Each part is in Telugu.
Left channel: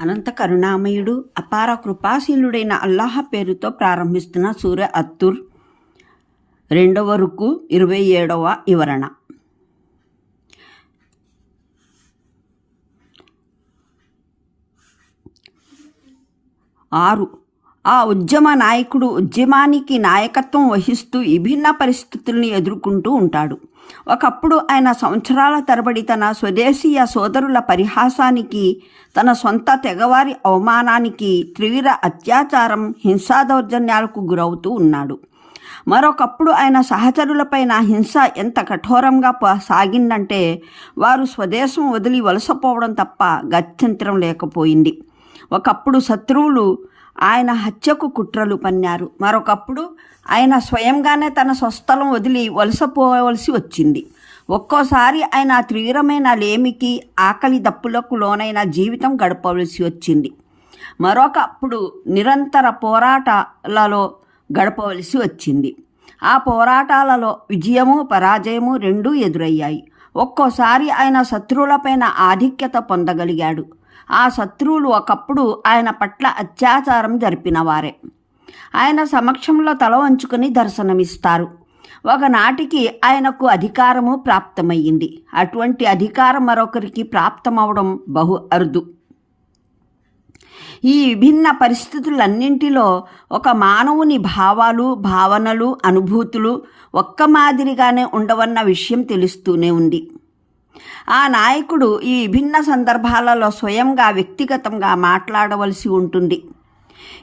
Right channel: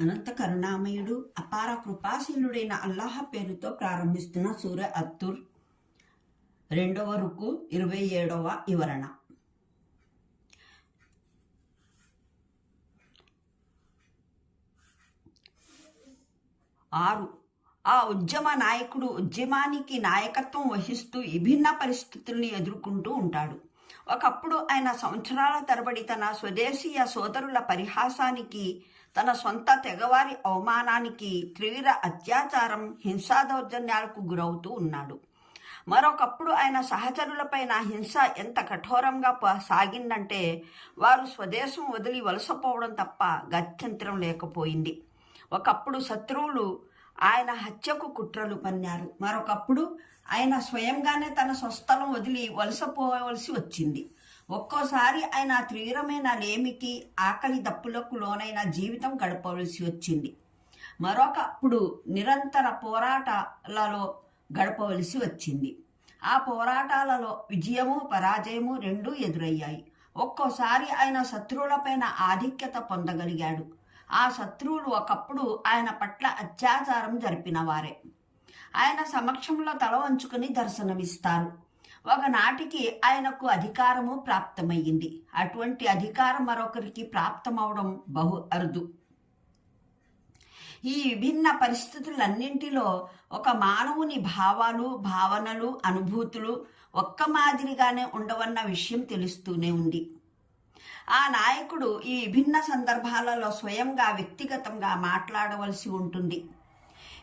అనంత కరుణామయుడు అపార కృపాశీలుడైన అల్లాహ పేరుతో ప్రారంభిస్తున్న సూర్య అత్తుర్ రెండవ రుకు ఇరవై ఏడవ వివరణ. ఆరు. ఆ ఉద్యమ నాయకుడు ఉద్యమానికి నాయకత్వం వహిస్తూ విభిన్న పరిస్థితుల్ని ఎదుర్కొంటూ ఉంటాడు. ఒకప్పుడు ఆయన సంవత్సరాల తరబడి తన స్వదేశీయ సోదరుల పరిహాసానికి తన సొంత తెగవారి అవమానానికి త్రివిర అత్యాచారం హింసా దౌర్జన్యాలకు గురవుతూ ఉన్నాడు. మరొకప్పుడు ఆయన సహచరులపైన హింస ఎంత కఠోరంగా సాగిందంటే వారు స్వదేశం వదిలి వలసపోవడం తప్ప గత్యంతరం లేకపోయింది. ఒకప్పుడు శత్రువులు ఆయన హత్యకు కుట్రలు పన్నారు. మరొకప్పుడు ఆయన స్వయంగానే తన స్వస్థలం వదిలి వలసపోవలసి వచ్చింది. ఒక్కోసారి ఆయన తీవ్రమైన లేమికి ఆకలి దప్పులకు లోనైన జీవితం గడపవలసి వచ్చింది. మరొకప్పుడు నిరంతర పోరాటాలలో గడపవలసి వచ్చింది. ఆ పోరాటాలలో విజయము పరాజయము రెండూ ఎదురయ్యాయి. ఒక్కోసారి ఆయన శత్రువులపైన ఆధిక్యత పొందగలిగాడు. ఆ శత్రువులు ఒకప్పుడు ఆయన పట్ల అత్యాచారం జరిపినవారే ఆయన సమక్షంలో తల వంచుకొని దర్శనమిస్తారు. ఒకనాటికి ఆయనకు అధికారము ప్రాప్తమయ్యింది. అటువంటి అధికారం మరొకరికి ప్రాప్తమవడం బహు అరుదు. ఈ విభిన్న పరిస్థితులన్నింటిలో ఒక మానవుని భావాలు భావనలు అనుభూతులు ఒక్క మాదిరిగానే ఉండవన్న విషయం తెలుస్తూనే ఉంది. ఆ నాయకుడు ఈ విభిన్న సందర్భాలలో స్వయంగా వ్యక్తిగతంగా మాట్లాడవలసి ఉంటుంది.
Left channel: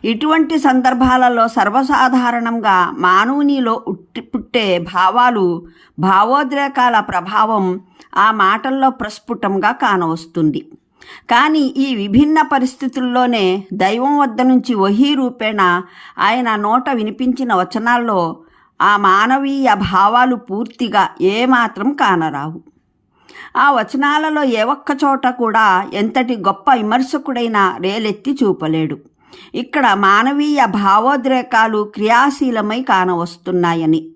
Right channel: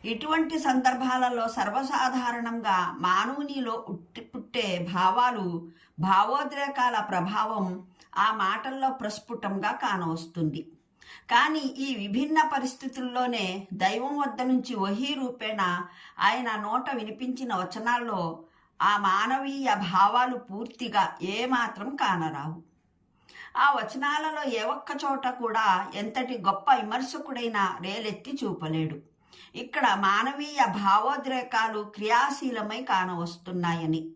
ఇటువంటి సందర్భాలలో సర్వసాధారణంగా మానవునిలో ఉట్టి పుట్టే భావాలు భావోద్రేకాల ప్రభావం ఆ మాటల్లో ప్రస్ఫుటంగా కానవస్తుంది. కానీ ఈ విభిన్న పరిస్థితుల్లోనే దైవం వద్ద నుంచి వహీ రూపేణ ఆయన నోట వినిపించిన వచనాల్లో ఆ మానవీయ భావాలు పూర్తిగా ఏమాత్రం కానరావు. ఆ వచనాలలో ఏ ఒక్క చోట కూడా ఎంతటి గొప్ప విమర్శకుడైనా రేలెత్తి చూపలేడు. ఇక్కడ మానవీయ భావోద్రేకాలు క్రియాశీలమై కానవస్తున్నాయని.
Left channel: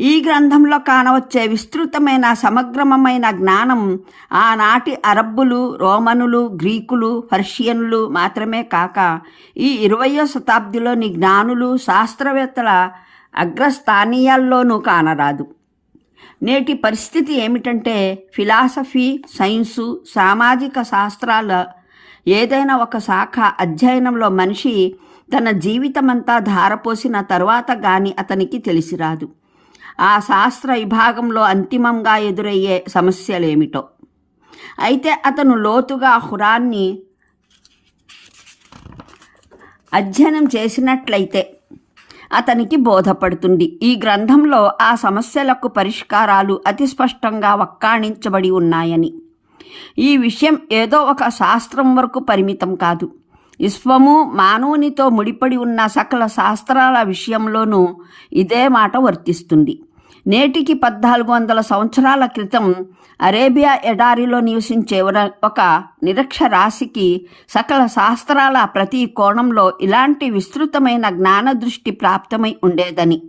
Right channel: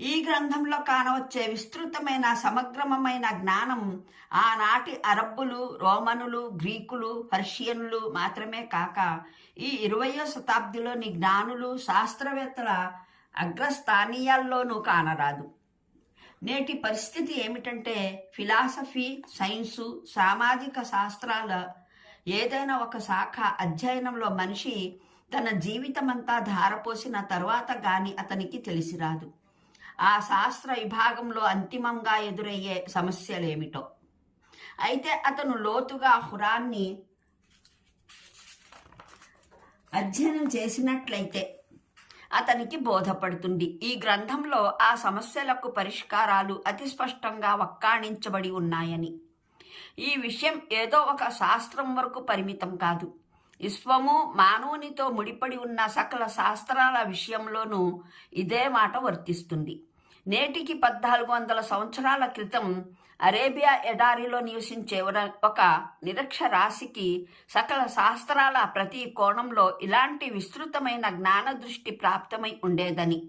ఈ గ్రంథంలో కానవచ్చే విస్తృతమైన సమగ్రమైన జ్ఞానం ఆనాటి అరబ్బులు రోమనులు గ్రీకులు పర్షియన్లు మాత్రమే కాక ఈ ఇరవయో శతాబ్దిలోని జ్ఞానులు శాస్త్రవేత్తల అగ్రస్థానీయాల్లోనూ కానరాదు. నేటి పరిస్థితి ఏమిటంటే ఫిలాసఫీ సైన్సు సామాజిక శాస్త్రాల ఏదైనా ఒక శాఖ అధ్యయనంలో మనిషి తన జీవితమంతా ధారపోసిన తర్వాత గాని అతనికి తెలిసిరాదు. ఆ శాస్త్ర విభాగంలో అంతిమంగా ఎదురయ్యే సమస్యలేమిటో. అయితే అతను లోతుగా హురాన్ని అధ్యయనం చేసినట్లయితే అతనికి బోధపడుతుంది. ఈ గ్రంథంలో ఆ సమస్యలకు పరిష్కారాలు అతి స్పష్టంగా వక్కాణించబడి ఉన్నాయని. ఈ విషయం ఏదో ఒక శాస్త్రం వరకు పరిమితం కాదు. విశ్వము మానవునితో ముడిపడి ఉన్న సకల శాస్త్రాల విషయంలోనూ ఇదే మాట వర్తిస్తుంది. నేటికి పద్నాలుగు వందల సంవత్సరాల క్రితం అరేబియా ఎడారిలో నివసించే ఒక- నిరక్షరాశికి సకల శాస్త్రాల ప్రతి కోణంలో ఇలాంటి విస్తృతమైన జ్ఞాన దృష్టి ప్రాప్తమై ఉండేదని.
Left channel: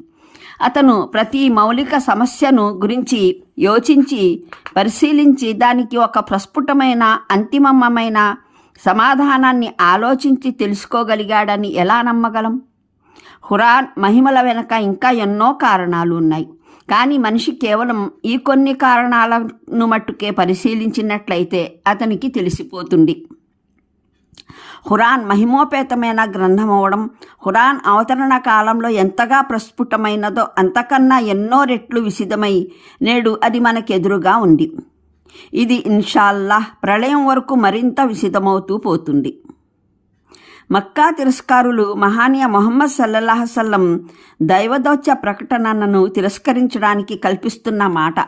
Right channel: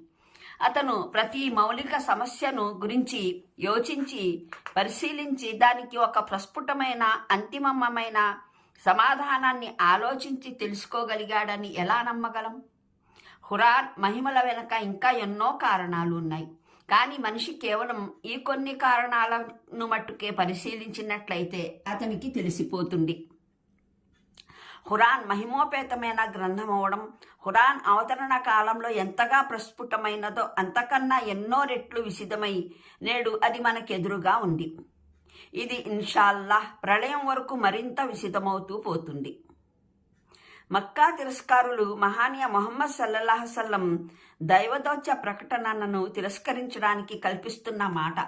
అతను ప్రతి మౌలిక సమస్యను గురించి యోచించి పరిశీలించి దానికి ఒక ప్రస్ఫుటమైన అంతిమమైన సమాధానాన్ని ఆలోచించి తెలుసుకోగలిగాడని ఎలా నమ్మగలం? హురాన్ మహిమల వెనక ఇంకా ఎన్నో కారణాలు ఉన్నాయి. కానీ మనిషి కేవలం ఈ కొన్ని కారణాలను మట్టుకే పరిశీలించినట్లయితే అతనికి తెలిసిపోతుంది. హురాన్ మహిమోపేతమైన గ్రంథం అవడం హురాన్ అవతరణ కాలంలో ఎంతగా ప్రస్ఫుటమైనదో అంతకన్నా ఎన్నో రెట్లు విసిదమై నేడు అది మనకెదురుగా ఉంది. ఇది ఇన్షాల్లాహ్ ప్రళయం వరకు మరింత విసిదమవుతూ పోతుంది. మక్కా తిరస్కారులు మహానీయ మొహమ్మద్ సల్లల్లాహు దైవదౌత్య ప్రకటనను తిరస్కరించడానికి కల్పిస్తున్న మాట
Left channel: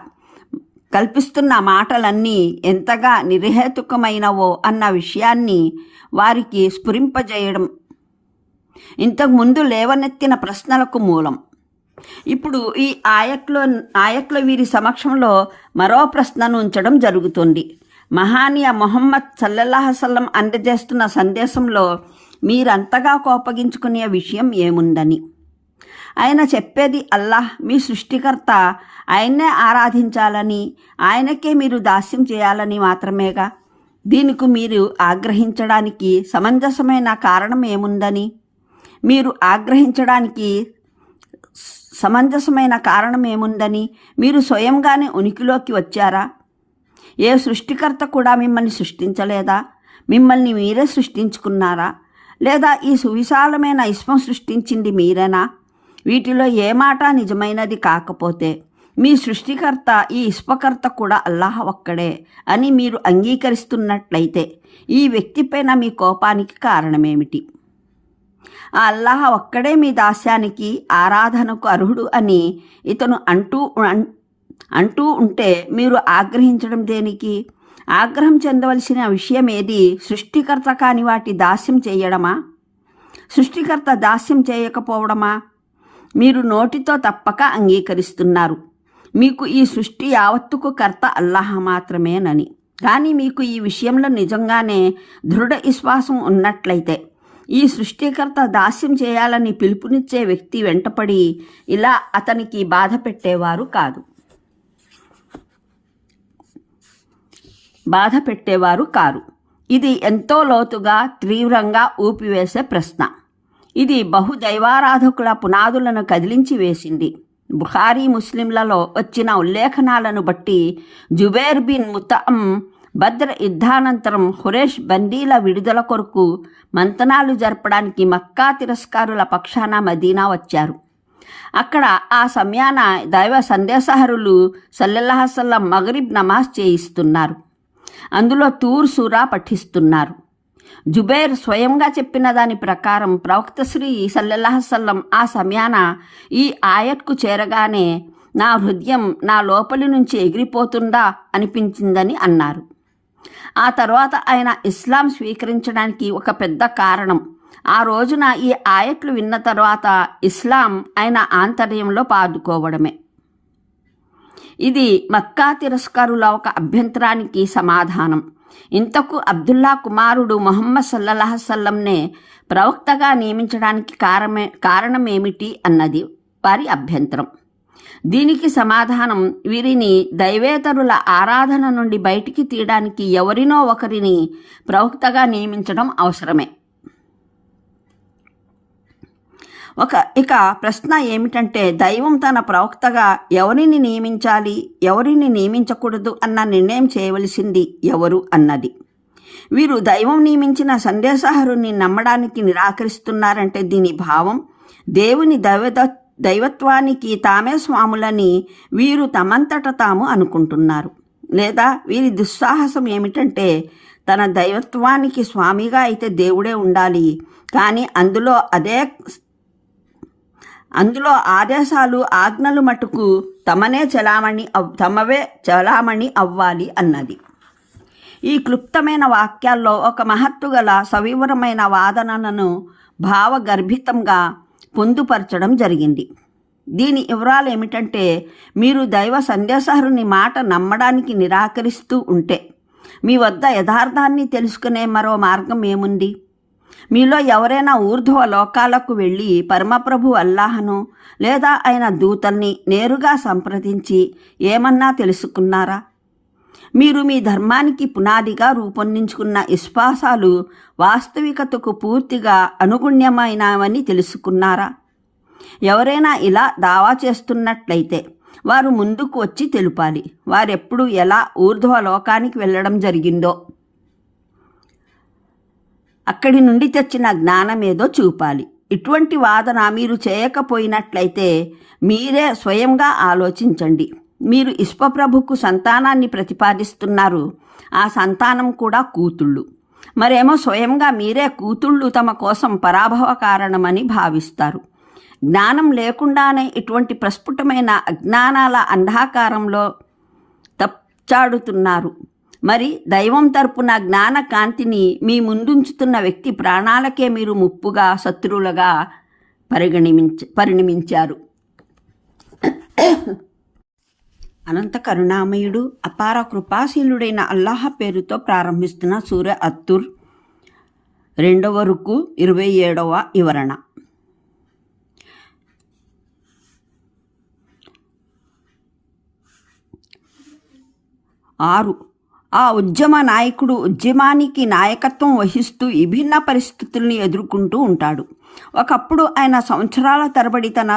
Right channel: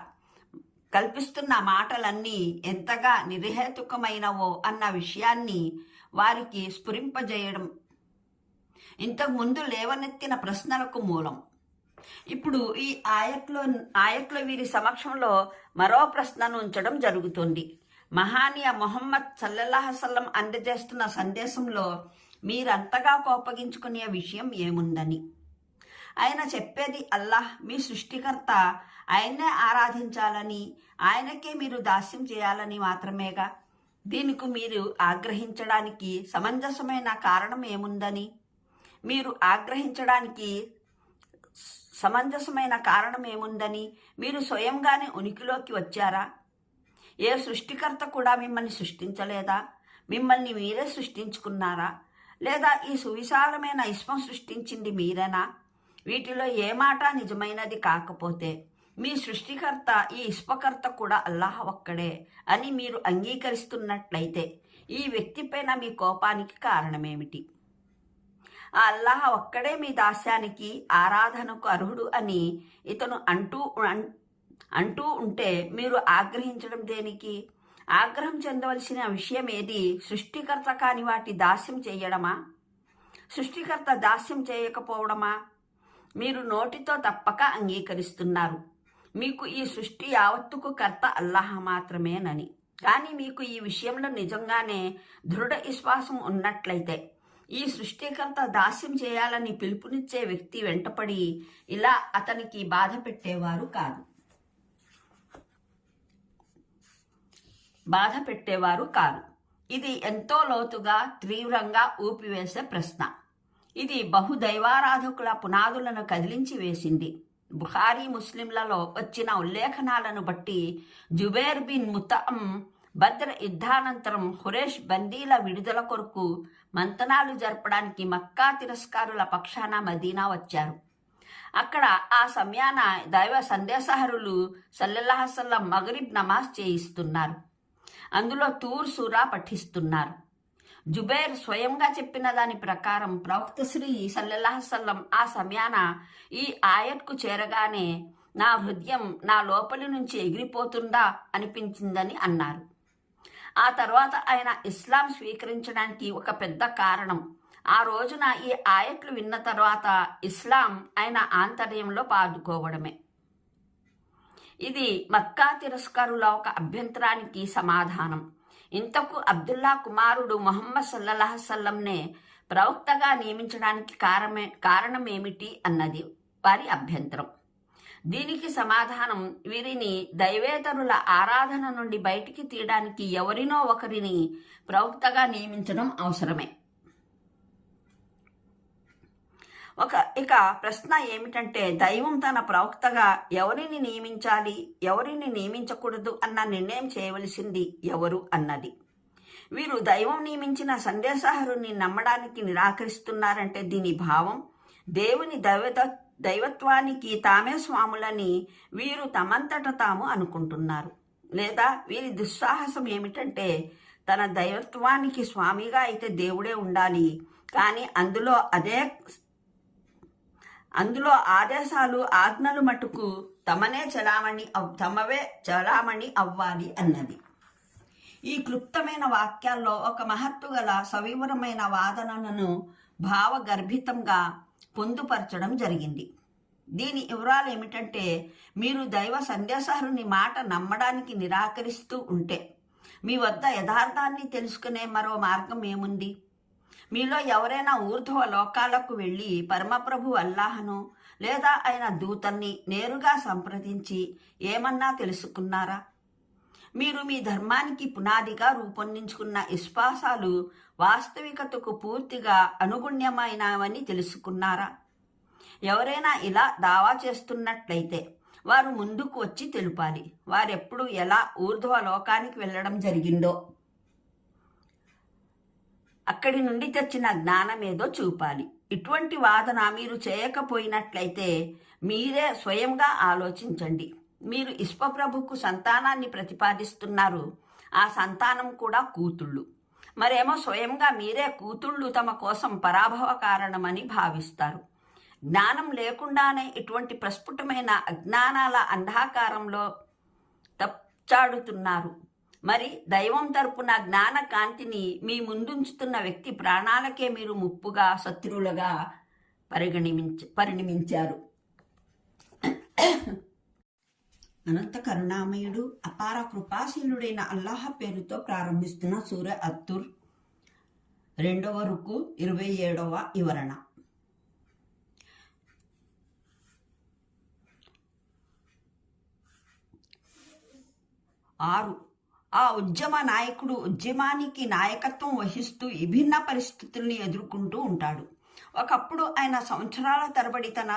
కల్పిస్తున్న మాటలన్నీ ఎంతగా నిర్హేతుకమైనవో అన్న విషయాన్ని వారికి స్ఫురింపజేయడం. ఇంతకుముందు లేవనెత్తిన ప్రశ్నలకు మూలం. ఇప్పుడు ఈ ఆయట్లో ఆయట్లో వీరి సమక్షంలో మరో ప్రశ్నను ఉంచడం జరుగుతుంది. మహానీయ మొహమ్మద్ సల్లల్లాహసల్లం అందజేస్తున్న సందేశంలో మీరంతగా కోపగించుకునే విషయం ఏముందని. ఆయన చెప్పేది అల్లాహ్ మీ సృష్టికర్త ఆయన్నే ఆరాధించాలని ఆయనకే మీరు దాస్యం చేయాలని మాత్రమేగా? దీనికి మీరు ఆగ్రహించడానికి సమంజసమైన కారణం ఏముందని? మీరు ఆగ్రహించడానికి సమంజసమైన కారణం ఏముందని? మీరు స్వయంగానే ఉనికిలోకి వచ్చారా? ఏ సృష్టికర్త కూడా మిమ్మల్ని సృష్టించలేదా? మిమ్మల్ని మీరే సృష్టించుకున్నారా? లేదా ఈ సువిశాలమైన ఇస్మం సృష్టించింది మీరేనా? వీటిలో ఏ మాట నిజమైనది కాకపోతే మీ సృష్టికర్త ఈ ఇష్పకర్త కూడా అల్లాహ్ ఒక్కడే అని మీరు అంగీకరిస్తున్నట్లయితే ఈ వ్యక్తిపైన మీ కోపానికి కారణమేమిటి? ఆ అల్లాహ్ ఒక్కడే మీ దాస్యానికి ఆరాధనకు అర్హుడు అని ఇతను అంటూ అంటూ ఉంటే మీరు ఆగ్రహించడం దేనికి? ఆగ్రహం చెందవలసిన విషయం ఏది సృష్టికర్త కాని వాటి దాస్యం చేయడమా? సృష్టికర్త దాస్యం చేయకపోవడమా? మీరు నోటితో తప్పక అంగీకరిస్తున్నారు. మీకు ఈ సృష్టి యావత్తుకు కర్త అల్లాహ మాత్రమేనని కానీ మీకు ఈ విషయంలో నిజంగానే దృఢ విశ్వాసం ఉన్నట్లయితే ఈ సృష్టికర్త దాస్యం చేయాలని పిలుపునిచ్చే వ్యక్తి వెంటపడి ఇలా అతనికి బాధ పెట్టేవారు కాదు. బాధ పెట్టేవారు కారు. ఇది ఎంతో లోతుగా తీవ్రంగా ఊపివేసే ప్రశ్న. ఇది బహుదైవారాధకుల పునాదులను కదిలించి వేసింది. బుఖారీ ముస్లింలలో వచ్చిన ఉల్లేఖనాలను బట్టి జుబేర్ బిన్ ముతమ్ భద్ర యుద్ధానంతరం హురేష్ బందీల విడుదల కొరకు మంతనాలు జరపడానికి మక్కా తిరస్కారుల పక్షాన మదీనా వచ్చారు. అక్కడ ఆ సమయాన దైవ సందేశహరులు సల్లెల్లాహసల్లం మగరిబ్ నమాజ్ చేయిస్తున్నారు. అందులో తూర్ సూరా పఠిస్తున్నారు. జుబేర్ స్వయంగా చెప్పిన దాని ప్రకారం ప్రవక్త శ్రీ సల్లెల్లాహసల్లం ఆ సమయాన ఈ ఆయత్కు చేరగానే నా హృదయం నా లోపలి నుంచి ఎగిరిపోతుందా అనిపించిందని అన్నారు. ఆ తర్వాత ఆయన ఇస్లాం స్వీకరించడానికి ఒక పెద్ద కారణం. ఆ రోజున ఈ ఆయట్లు విన్న తర్వాత ఇస్లాం ఆయన ఆంతర్యంలో పాదుకోవడమే. ఇది మక్కా తిరస్కారుల ఒక అభ్యంతరానికి సమాధానం. ఇంతకు అబ్దుల్లా కుమారుడు మొహమ్మద్ సల్లల్లాహ సల్లంనే ప్రవక్తగా నియమించడానికి కారమే కారణమేమిటి అన్నది వారి అభ్యంతరం. దీనికి సమాధానం వీరిని దైవేతరుల ఆరాధన నుండి బయటికి తీయడానికి ఎవరినో ఒకరిని ప్రవక్తగా నియమించడం అవసరమే. ఒక ఇక ప్రశ్న ఏమిటంటే దైవం తన ప్రవక్తగా ఎవరిని నియమించాలి ఎవరిని నియమించకూడదు అన్న నిర్ణయం చేయవలసింది ఎవరు అన్నది. వీరు దైవం నియమించిన సందేశహరుని నమ్మడానికి నిరాకరిస్తున్నారంటే దీని భావం దేవుని దైవత దైవత్వానికి తామే స్వాములని వీరు తమంతట తాము అనుకుంటున్నారు. లేదా వీరి దుస్సాహసం ఏమిటంటే తన దైవత్వానికి స్వామిగా అయితే దేవుడే ఉండాలి కానీ అందులో అదే అందులో ఆదేశాలు ఆజ్ఞలు మటుకు తమనే చలామణి అవ్- తమవే చలామణి అవ్వాలి అన్నది. ఈ క్లుప్తమైన వాక్యాల్లో ఒక మహత్తుగల సవివరమైన వాదనలను భావగర్భితంగా పొందుపరచడం జరిగింది. దీని వివరాలు ఏమిటంటే మీరు దైవ సందేశహరుని మాట నమ్మడానికి నిరాకరిస్తూ ఉంటే మీ వద్ద యథార్థాన్ని తెలుసుకునే మరో మార్గం ఏముంది? మీలో ఎవరైనా ఊర్ధ్వ లోకాలకు వెళ్ళి పరమప్రభు అల్లాహను లేదా ఆయన దూతల్ని నేరుగా సంప్రదించి ఏమన్నా తెలుసుకున్నారా? మీరు మీ ధర్మానికి పునాదిగా రూపొందించుకున్న విశ్వాసాలు వాస్తవికతకు పూర్తిగా అనుగుణ్యమైనవని తెలుసుకున్నారా? ఎవరైనా ఇలా దావా చేస్తున్నట్లయితే వారు ముందుకు వచ్చి తెలుపాలి. వారెప్పుడు ఎలా ఊర్ధ్వ లోకానికి వెళ్ళడం జరిగిందో. అక్కడి నుండి తెచ్చిన జ్ఞానమేదో చూపాలి. ఇటువంటి వాదన మీరు చేయకపోయినట్లయితే మీరే స్వయంగా ఆలోచించండి. మీరు ఇష్పప్రభుకు సంతానాన్ని ప్రతిపాదిస్తున్నారు. ఆ సంతానం కూడా కూతుళ్ళు. మరేమో స్వయంగా మీరే కూతుళ్ళు తమ కోసం పరాభవ కారణమని భావిస్తారు. జ్ఞానం లేకుండానే ఇటువంటి ప్రస్ఫుటమైన అజ్ఞానాల అంధాకారంలో తప్చాడుతున్నారు. మరి దైవం తరపున జ్ఞాన కాంతిని మీ ముందుంచుతున్న వ్యక్తి ప్రాణాలకే మీరు ముప్పుగా శత్రువులుగా పరిగణించ పరిణమించారు. అనంత కరుణామయుడు అపార కృపాశీలుడైన అల్లాహ పేరుతో ప్రారంభిస్తున్న సూర్య అత్తుర్ రెండవ రుకు ఇరవై ఏడవ వివరణ. ఆరు ఆ ఉద్యమ నాయకుడు ఉద్యమానికి నాయకత్వం వహిస్తూ విభిన్న పరిస్థితుల్ని ఎదుర్కొంటూ ఉంటాడు. ఒకప్పుడు ఆయన సంవత్సరాల తరబడి తన